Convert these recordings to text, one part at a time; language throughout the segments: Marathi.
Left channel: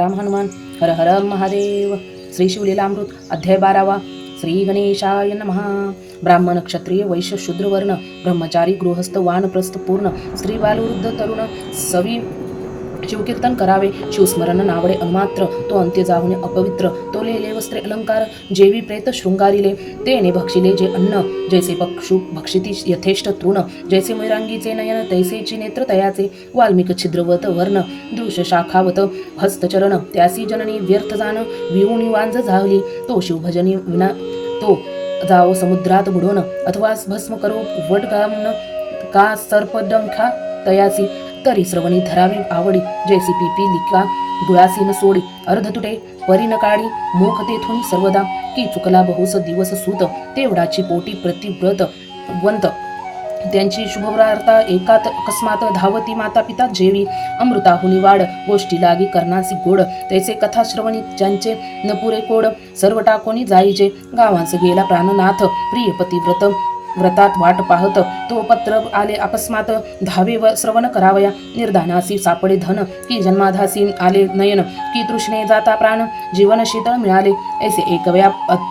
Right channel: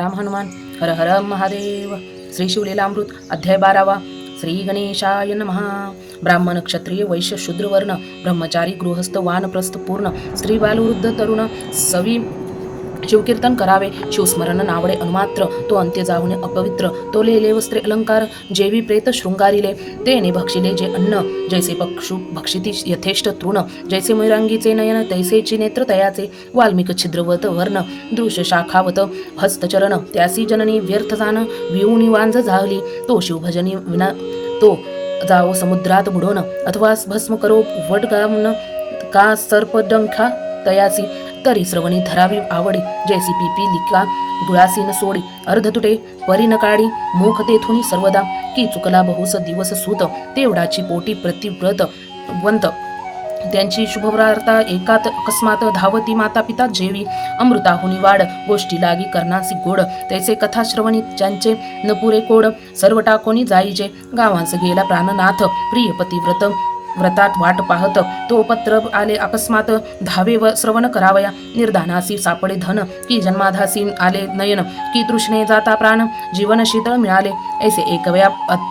सीताराम हनुमान. हर हर महादेव. श्री शिवलीलामृत अध्याय 12. श्री गणेशाय नमः. ब्राह्मण क्षत्रिय वैश्य शूद्र वर्ण ब्रह्मचारी गृहस्थ वानप्रस्थ पूर्ण स्त्री बालवृद्ध तरुण सवी शिवकीर्तन करावे. शिवस्मरण नावडे अनुमात्र तो अंत्य जाहुने अपवित्र. तो लेले वस्त्रे अलंकार जेवी प्रेत शृंगारिले. तेने भक्षिले जे अन्न जैसे पक्षु भक्षिती यथेष्ट तृण. जैसे मयुरांगीचे नयन तैसेची नेत्र तयाचे. वाल्मिक छिद्रवत वर्ण दृश्य शाखावत हस्तचरण. त्यासी जननी व्यर्थ जाण विहुणी वांझ झाली. तो शिवभजनी विना तो जाओ समुद्रात बुडवण अथवा भस्म करो वडगामन का सर्पडंखा तयासी. तरी श्रवणी धरावी आवडी जैसी पिपीलिका गुळासीन सोडी. अर्ध तुटे परी न काढी मुख तेथून सर्वदा. की चुकला बहुस दिवस सूत तेवढाची पोटी प्रतिव्रत वंत. त्यांची शुभवार्ता एकात अकस्मात धावती माता पिता जेवी. अमृताहुनी वाढ गोष्टी लागी करणासी गोड. तैसे कथा श्रवणी ज्यांचे न पुरे कोड. सर्व टाकोनी जाईजे गावांस गेला प्राणनाथ. प्रिय पतिव्रत व्रतात वाट पाहत तो पत्र आले अकस्मात. धावे व श्रवण करावया निर्धानासी सापडे धन. की जन्माधासी आले नयन की तृष्णे जाता प्राण. जीवन शीतळ मिळाले ऐसे एकव्या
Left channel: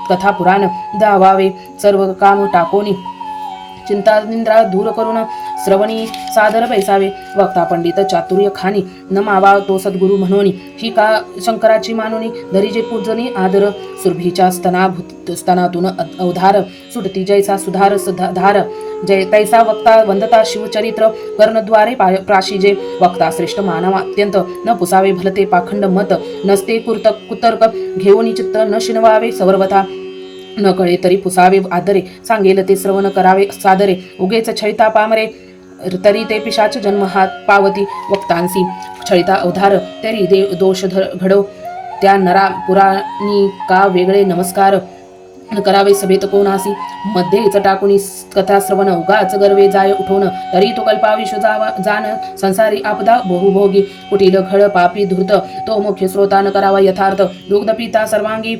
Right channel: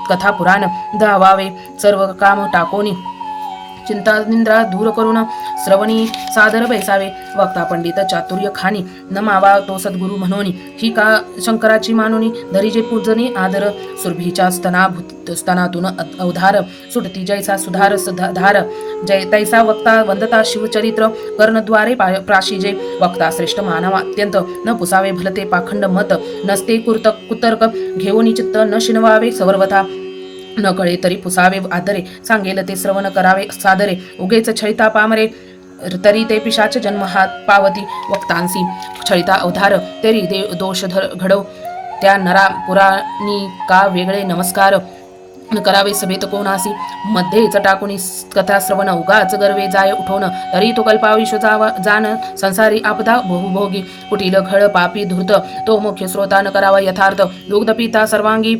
कथा पुराण. दावावे सर्व काम टाकोनी चिंता निंद्रा दूर करून श्रवणी सादर बैसावे. वक्ता पंडित चातुर्य खानी नमावा तो सद्गुरु म्हणोनी. ही का शंकराची मानोनी धरीजे पूजनी आदर. सुरभीच्या स्तनातून अवधार सुटती जैसा सुधार धार. जय तैसा वक्ता वंदता शिवचरित्र कर्णद्वारे प्राशिजे. वक्ता श्रेष्ठ मानव अत्यंत न पुसावे भलते पाखंड मत. नसते कुतर्क घेऊन चित्त न शिनवावे सर्वथा. न कळे तरी पुसावे आदरे. सांगेल ते श्रवण करावे सादरे. उगेच छळिता पामरे तरी ते पिशाच जन्म हात पावती. वक्तांसी छळिता अवधार तरी दोष घडव. त्या नरा पुराणी का वेगळे नमस्कार करावे सभेत कोणासी. मध्येच टाकुनी कथा श्रवण उगाच गर्वे जाय उठवण. तरी तो कल्पाविष जाण संसारी आपदा बहुभोगी. कुटील घळ पापी धूर्त तो मुख्य स्रोता न करावा यथार्थ. दुग्ध पिता सर्वांगी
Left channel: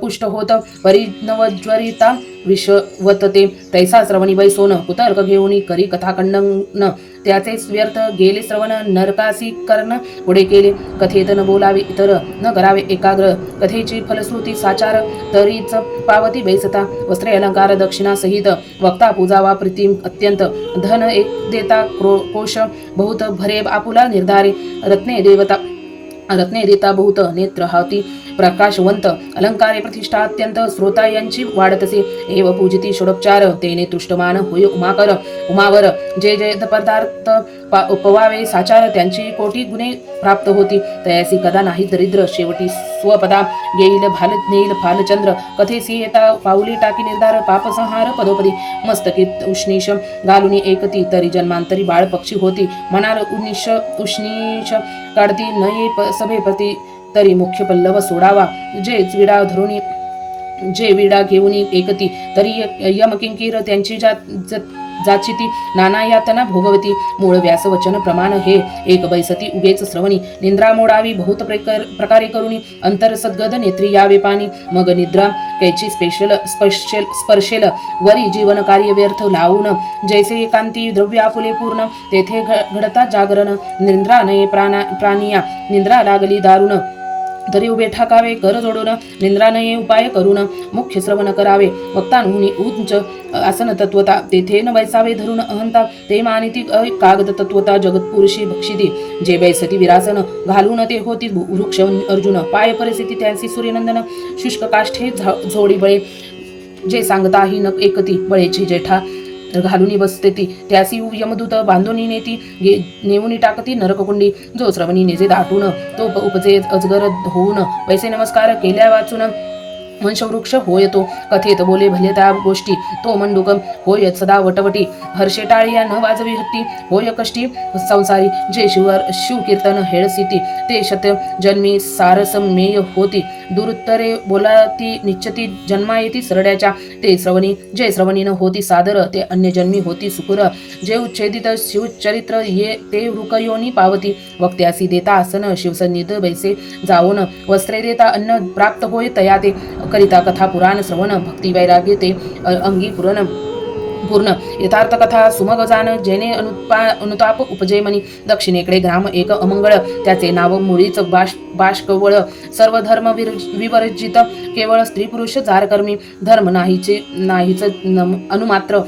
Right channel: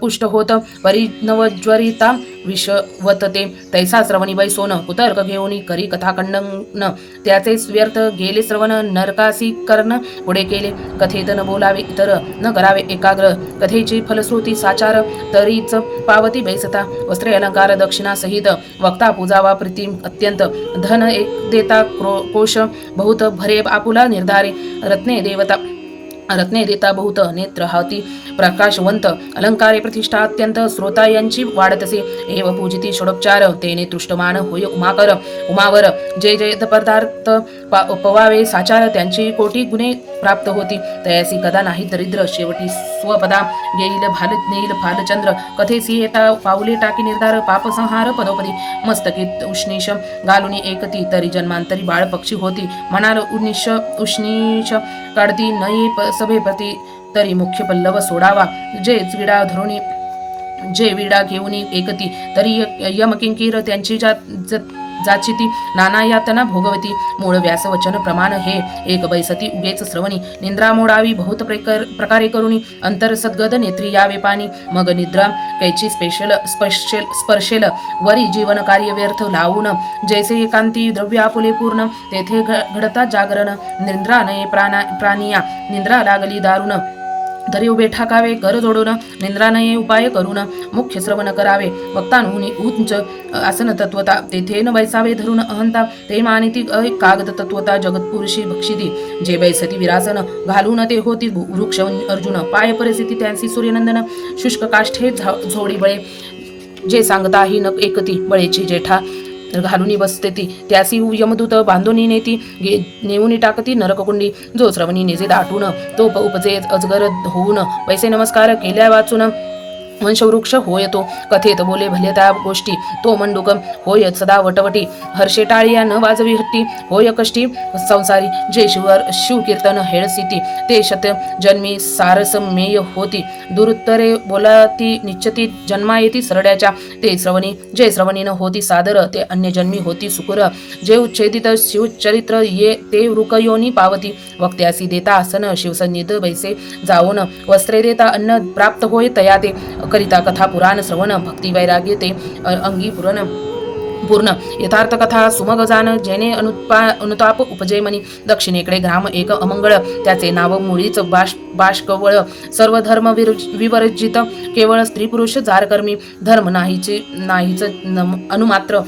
पुष्ट होत परिणवज्वरिता विषवतते. तैसा श्रवणी बैसोन कुतर्क घेऊनी करी कथा खंडन. त्याचे व्यर्थ गेले श्रवण नरकासी कर्ण पुढे केले. कथेत न बोलावे इतर न करावे एकाग्र. कथेची फलश्रुती साचार तरीच पावती बैसता. वस्त्रे अलंकार दक्षिणा सहित वक्ता पूजावा प्रीती अत्यंत. धन एक देता कोश बहुत भरे आपुला निर्धारे. रत्ने देता बहुत नेत्र हाती प्रकाशवंत. अलंकारे प्रतिष्ठा अत्यंत श्रोता यांची वाढतसे. एव पूजिती षोडोपचार तेने तुष्टमान होय उमाकर उमावर. जे जे पदार्थ पवावे साचार त्यांची कोटी गुणे प्राप्त होती. तयासी कदा नाही दरिद्र शेवटी स्वपदा येईल नेईल फालचंद्र. कथेसी येता पाऊली टाकी निर्धार पापसंहार पदोपदी. मस्तकीत उष्णीश घालुनी एकती तरी जन्मांतरी बाळ पक्षी होती. मनाल उष्णीश काढती नये सभेपती तरी मुख्य पल्लव सोडावा. जे विडा घेऊन एकती तरी यमकिंकीर त्यांची जाचिती नाना यातना भोगवती. मूळ व्यास वचन प्रमाण हे एक बैसती उगेच श्रवणी. निंद्रा मोडावी बहुत प्रकारे करुणी. अंतर सद्गद नेत्री यावे पाणी. मग निद्रा कैची स्पर्शेल वरी जीवन कार्य व्यर्थ लावून. जैसे एकांती द्रव्य आपुले पूर्ण तेथे घडता जागरण. निंद्रा नये प्राणिया निंद्रा लागली दारुण. तरी उभे ठाकावे कर जोडून निंद्रानये उपाय करून. मुख्य श्रवण करावे वक्तांहुनी उंच आसन तत्वता. तेथे न बैसावे धरून अहंता. ते मानिती कागद तत्वता जगत्पुरुषी भक्षिती. जे बैसती विरासन घालून ते होती वृक्ष अर्जुन. पाय परिस्थिती त्यांची सूर्यनंदन. शुष्क काष्ठे झोडी बळे जे सांगताही न एकती. बळेची जेठा घालूनी बसते ती त्यासी यमदूत बांधूनी नेती. नेऊनी टाकती नरककुंडी. जो श्रवणी नेजे दाटून तो उपजे अजगर होऊन. पैसे नमस्कार केल्या वाचून. वंशवृक्ष होय तो कथेत बोले भले त्या गोष्टी. तो मंडूक होय सदा वटवटी. हर्षे टाळिया न वाजवी हट्टी. होय कष्टी संसारी जे शिवकीर्तन हेळसिती. ते शत जन्मी सारसमेय होती. दुरुत्तरे बोलाती निश्चती जन्मा येती सरड्याच्या. ते श्रवणी जे श्रवणी न होती सादर ते अन्य जन्मी होती सुकुर. जे उच्छेदित शिवचरित्र ये ते वृकयोनी पावती. वक्त्यासी देता आसन शिवसन्निध बैसे जाऊन. वस्त्रे देता अन्न प्राप्त होय तया ते. करिता कथा पुराण श्रवण भक्ती वैराग्य ते अंगी पुरण. पूर्ण यथार्थ कथा सुमग जान जेणे अनुताप उपजे मनी. दक्षिणेकडे ग्राम एक अमंगळ त्याचे नाव मुळीच बाष्कवळ. सर्व धर्म विवर्जित केवळ स्त्री पुरुष जारकर्मी. धर्म नाहीच अनुमात्र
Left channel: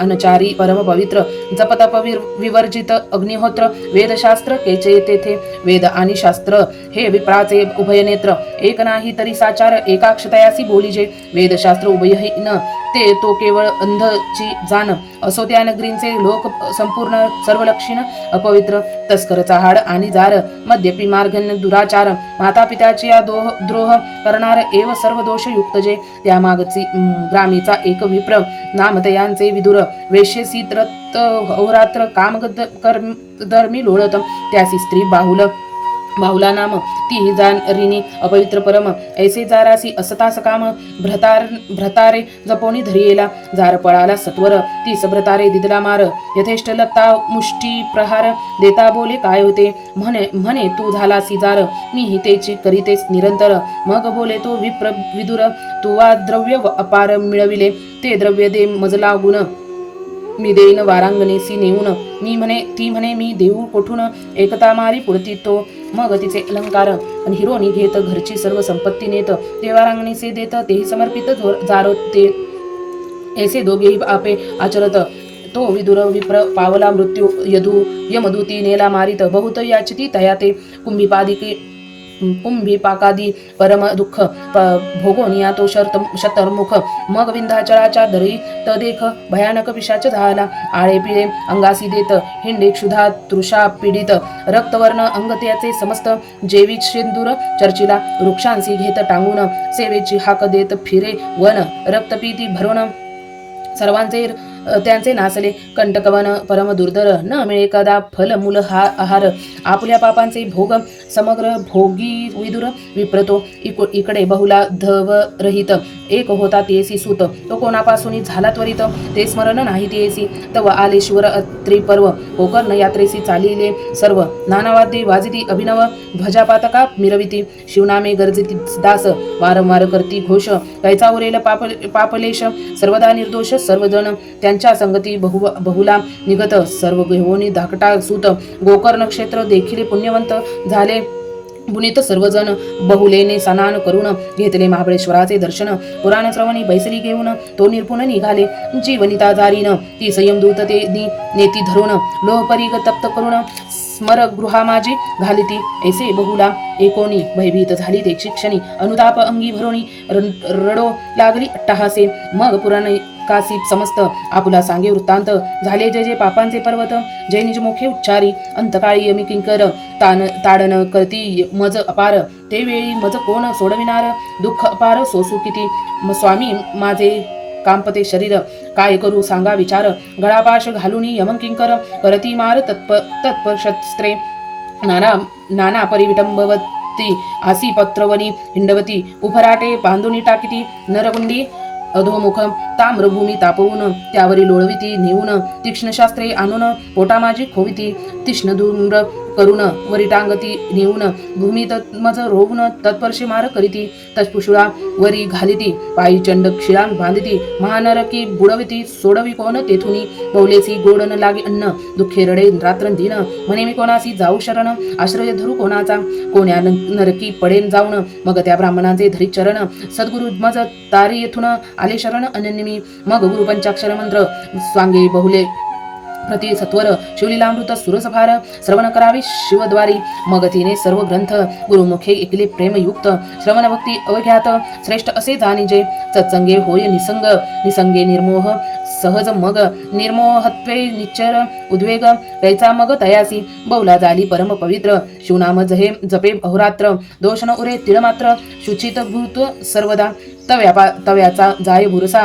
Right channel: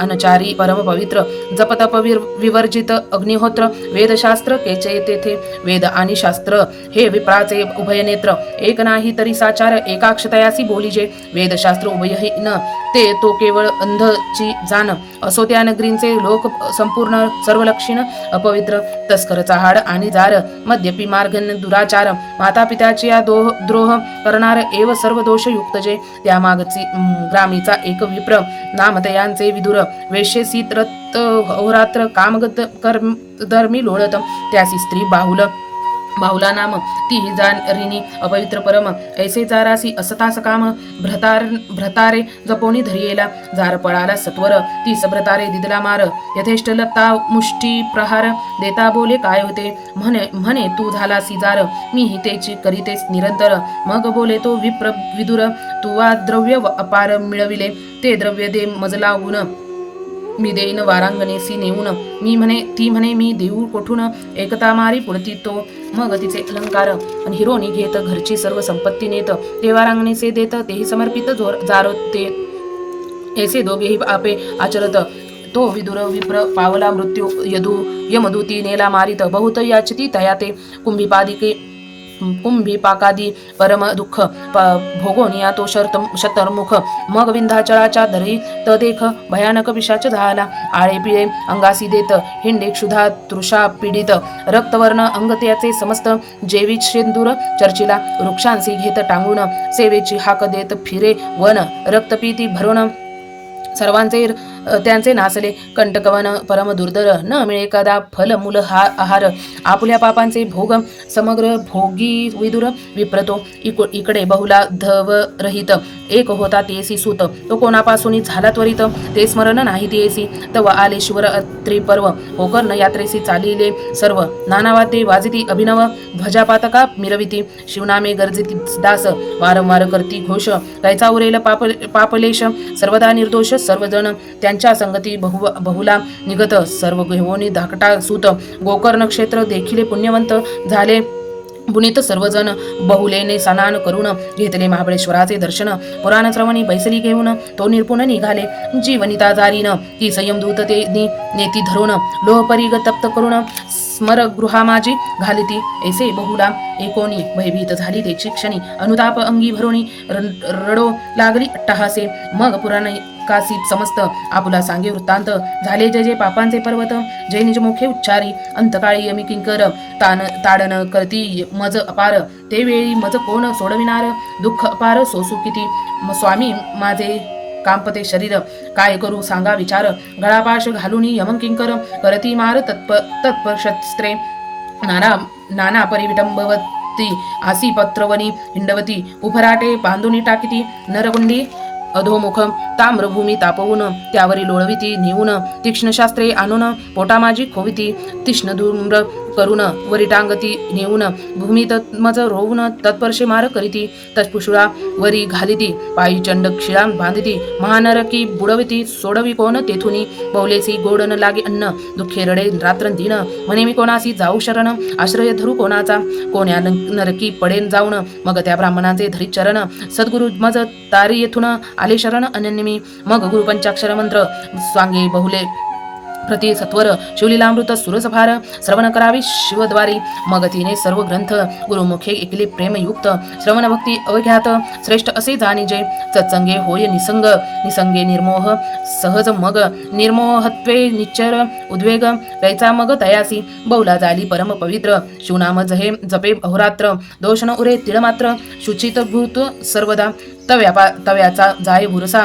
अनुचारी परम पवित्र. जपतप विवर्जित अग्निहोत्र. वेदशास्त्र केचे तेथे. वेद आणि शास्त्र हे विप्राचे उभयनेत्र. एक नाही तरी साचार एकाक्षतयासी बोलीजे. वेदशास्त्र उभयहीन ते तो केवळ अंधची जाण. असो त्या नगरींचे लोक संपूर्ण सर्वलक्षण अपवित्र. तस्कर चहाड आणि जार मद्यपी मार्गन दुराचार. माता पित्याची या द्रोह करणार एव सर्व दोष युक्त जे. त्या मागची ग्रामीचा एक विप्र नामतयांचे विदुर. वेश्येसी त्रत अहोरात्र कामगत धर्मी लोळत. त्यासी स्त्री बाहुला नाम ती जाणरिनी अपवित्र परम. ऐसे जारासी असतास काम भ्रतारे जपोनी धरियेला. जार पळाला सत्वर तीस भ्रतारे दिदला मार. यथेष्ट लत्ता मुष्टी प्रहार देता बोले काय होते. म्हणे तू झालासी जार मी हितेची करीतेस निरंतर. मग बोले तो विदुर तू वा द्रव्य अपार मिळविले. ते द्रव्य दे मजला गुण मी देईन वारांगणेसी नेऊन. ती म्हणे मी देऊ कोठून. एकता मारी पुढती तो. मग तिचे अलंकार आणि हिरोनी घेत. घरची सर्व संपत्ती नेत. ते वारांगणीचे देत तेही समर्पित जारोते. ऐसे दोघेही आपे आचरत. तो विदुर विप्र पावला मृत्यू यमदूती नेला मारित. बहुत याचिती तया ते कुंभीपाकादी परम दुःख भोगोनिया तो शतर्मुख. मग विंध्याचळाच्या दरी देख भयानक विषाच झाला. आळे पिळे अंगासी देत. हिंडे क्षुधा तृषा पीडित. रक्तवर्ण अंग त्याचे समस्त. जेवी शेंदूर चर्चिला. वृक्षांसी घेत टांगून. सेवेची हाक देत फिरे वन. रक्तपीती भरून सर्वांचे त्यांचे नासले. कंटकवन परम दुर्धर. न मिळे कदा फल मूल आहार. आपुल्या पापांचे भोग समग्र भोगी विदुर विप्रतो. इकडे बहुला धव रहित. एक होता तेसी सूत. तो कोणापासून झाला त्वरित. ते स्मरण नाही तेसी. तव आले शिवर त्रिपर्व. गोकर्ण यात्रेसी चालिले सर्व. नानावाद्ये वाजिती अभिनव. ध्वजापातका मिरविती. शिवनामे गर्जिती दास. वारंवार करती घोष. कैचा उरेल पापलेश. सर्वदा निर्दोष सर्वजण. त्यांच्या संगती बहुला निगत. सर्व घेऊन धाकटा सूत. गोकर्ण क्षेत्र देखील पुण्यवंत झाले. पुनीत सर्वजण बहुलेने स्नान करून घेतले महाबळेश्वराचे दर्शन. पुराण श्रवणी बैसली घेऊन तो निरपुण निघाले. जीवनिता जारीन ती संयमदूत ते नेती धरून. लोहपरीग तप्त करून स्मरगृहा माझी घालिती. ऐसे बहुला एकोणी भयभीत झाली ते क्षणी. अनुताप अंगी भरोणी रडो लागली अट्टहासे. मग पुराण कासी समस्त आपुला सांगे वृत्तांत. झाले जे जे पापांचे पर्वत. जे निज मुखे उच्चारी. अंतकाळी यमी किंकर ताडन करती मज अपार. ते वेळी मज कोण सोडविणार. दुःख अपार सोसू किती. स्वामी माझे कांपते शरीर. काय करू सांगा विचार. गळापाश घालून यमकिंकर करती मार तत्पशस्त्रे. नाना परिविटंबवती. आसी पत्रवनी हिंडवती. उभराटे बांधुनी टाकीती. नरगुंडी अधोमुख ताम्रभूमी तापवून त्यावरी लोळविती नेऊन. तीक्ष्ण शास्त्रे आणून पोटा माझी खोविती. तीक्ष्ण धूम्र करून वरी टांगती नेऊन. भूमी तत्मज रोवून तत्पर्शे मार करीती. तत्पुषुळा वरी घालिती. पायी चंड क्षिळां बांधिती. महानरकी बुडविती. सोडवी कोण तेथुनी. बौलेसी गोड न लागे अन्न. दुःखे रडे रात्रंदिन. म्हणे मी कोणासी जाऊ शरण. आश्रय धरू कोणाचा. कोण्या नरकी पडेन जाऊन. मग त्या ब्राह्मणाचे धरी चरण. सद्गुरु मज तारी येथून आले शरण अनन्यमी. मग गुरु पंचाक्षर मंत्र स्वांगे बहुले प्रति सत्वर. शिवलीलामृत सुरसभार श्रवण करावे शिवद्वारी. मग तिने सर्व ग्रंथ गुरुमुखे ऐकले प्रेमयुक्त. श्रवण भक्ती अवघ्यात श्रेष्ठ असे जाणीजे. सत्संगे होय निसंग. निसंगे निर्मोह सहज मग. निर्मोहत्वे निच्चर उद्वेग. कैचा मग तयासी बहुला झाली परम पवित्र. शिवनाम जपे अहोरात्र. दोष न उरे तिळ मात्र. शुचित भूत सर्वदा. तव्याचा जाय भुरसा.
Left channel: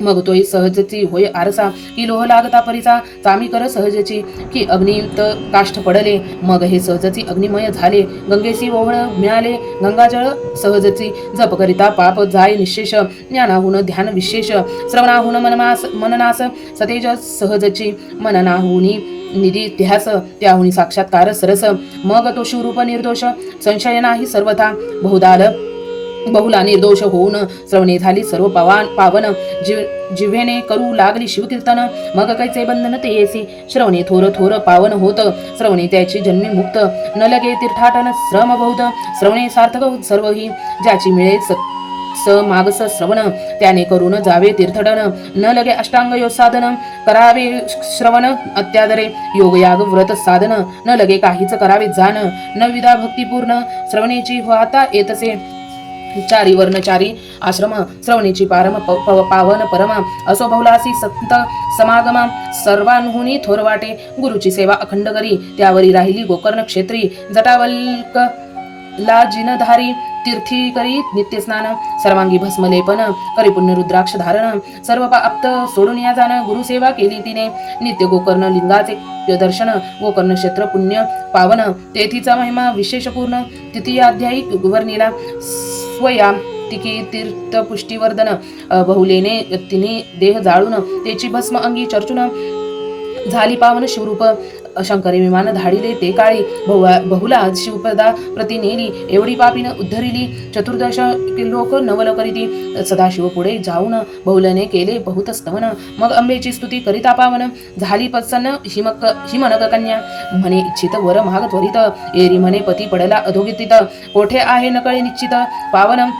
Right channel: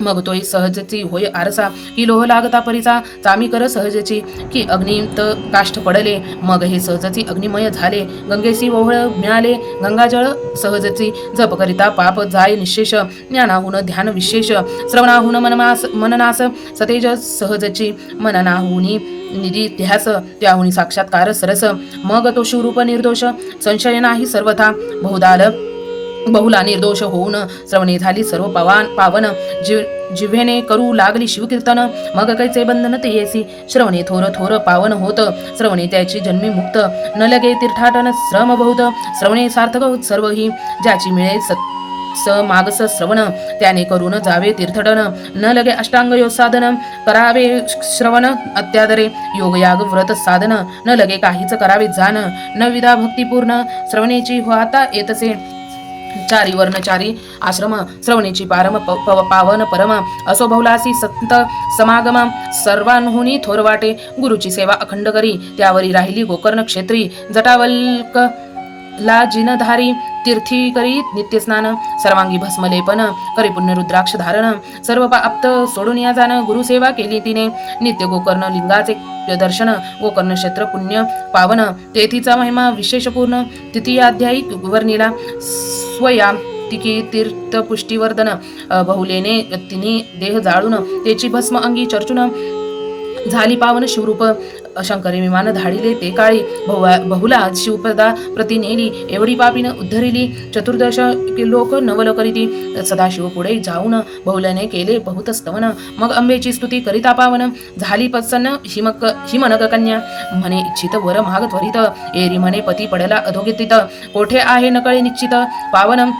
मग तोही सहजची होय आरसा. की लोह लागता परीचा. चामी कर सहजची. की अग्नित काष्ठ पडले. मग हे सहजची अग्निमय झाले. गंगेसी ओहळ मिळाले. गंगाजळ सहजची. जप करिता पाप जाय निशेष. ज्ञानाहून ध्यान विशेष. श्रवणाहून मननास सतेज सहजची. मननाहुनी निधी ध्यास. त्याहुनी साक्षात्कार सरस. मग तो शिवरूप निर्दोष. संशय नाही सर्वथा. बहुदाल बहुला निर्दोष होऊन श्रवणे झाली सर्व पावन जिव्हेने करू लागली शिवकीर्तन. मग कैचे बंधन ते येसी श्रवणे थोर थोर पावन होत. श्रवणे त्याची जन्मी मुक्त न लगे तीर्थाटन श्रम बहुत. श्रवणे सार्थक होत सर्व ही ज्याची मिळे मागस श्रवण. त्याने करून जावे तीर्थटन न लगे अष्टांग योग साधन. करावे श्रवण अत्यादरे योग याग व्रत साधन. न लगे काहीच करावे जाण. न विधा भक्तिपूर्ण श्रवणेची होता येतसे. चारी वर्णचारी आश्रम श्रवणीची पावन परम. असो बहुलासी संत समागम सर्वांहुनी थोर वाटे. गुरुची सेवा अखंड करी त्यावरी राहिली गोकर्ण क्षेत्री. जटावल्क ला जिनधारी तीर्थी करी नित्य स्नान. सर्वांगी भस्मलेपन करी पुण्य रुद्राक्ष धारण. सर्व पाप्त सोडून या जाण. गुरुसेवा केली तिने नित्य गोकर्ण लिंगाचे दर्शन. गोकर्ण क्षेत्र पुण्य पावन तेथीचा महिमा विशेषपूर्ण. तृतीयाध्यायी वर्णिला स्वया तिकी तीर्थ पुष्टीवर्धन. बहुलेने तिने देह जाळून त्याची भस्म अंगी चर्चून. झाली पावन शिवरूप शंकरी विमान धाडिले ते काळी. बहुला शिवपदा प्रति नेली एवढी पापीन उद्धरिली. चतुर्दश लोक नवल करीती सदाशिव पुढे जाऊन बहुलने केले बहुत स्तवन. मग अंबेची स्तुती करिता पावन. झाली प्रसन्न हिमनक कन्या. म्हणे इच्छित वर माग त्वरित. एरी म्हणे पती पडला अधोगतीत. कोठे आहे नकळे निश्चित पावन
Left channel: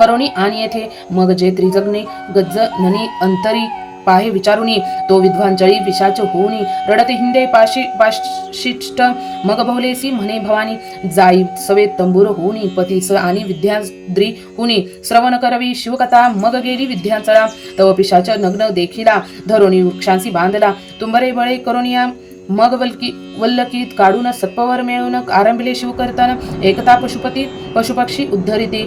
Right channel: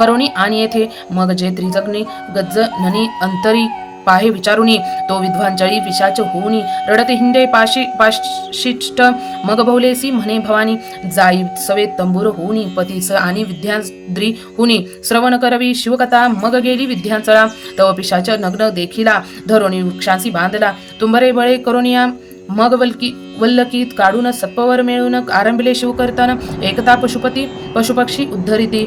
करोनी आणि येथे. मग जे त्रिजग्ने गज्ज ननी अंतरी पाहे विचारुनी. तो विद्वांचळी पिशाच होऊनी रडते हिंडे पाशिष्ट. मग बहुलेसी म्हणे भवानी जाई सवे तंबूर होऊनी. पतीस आणि विद्याद्री हुनी श्रवण करवी शिवकथा. मग गेली विद्यांचळा तव पिशाच नग्न देखिला. धरोणी वृक्षांसी बांधला तुंबरे बळे करुनिया. मग वल्लकीत काढून सत्पवर मिळून आरंभिले शिवकीर्तन. एकता पशुपती पशुपक्षी उद्धरिती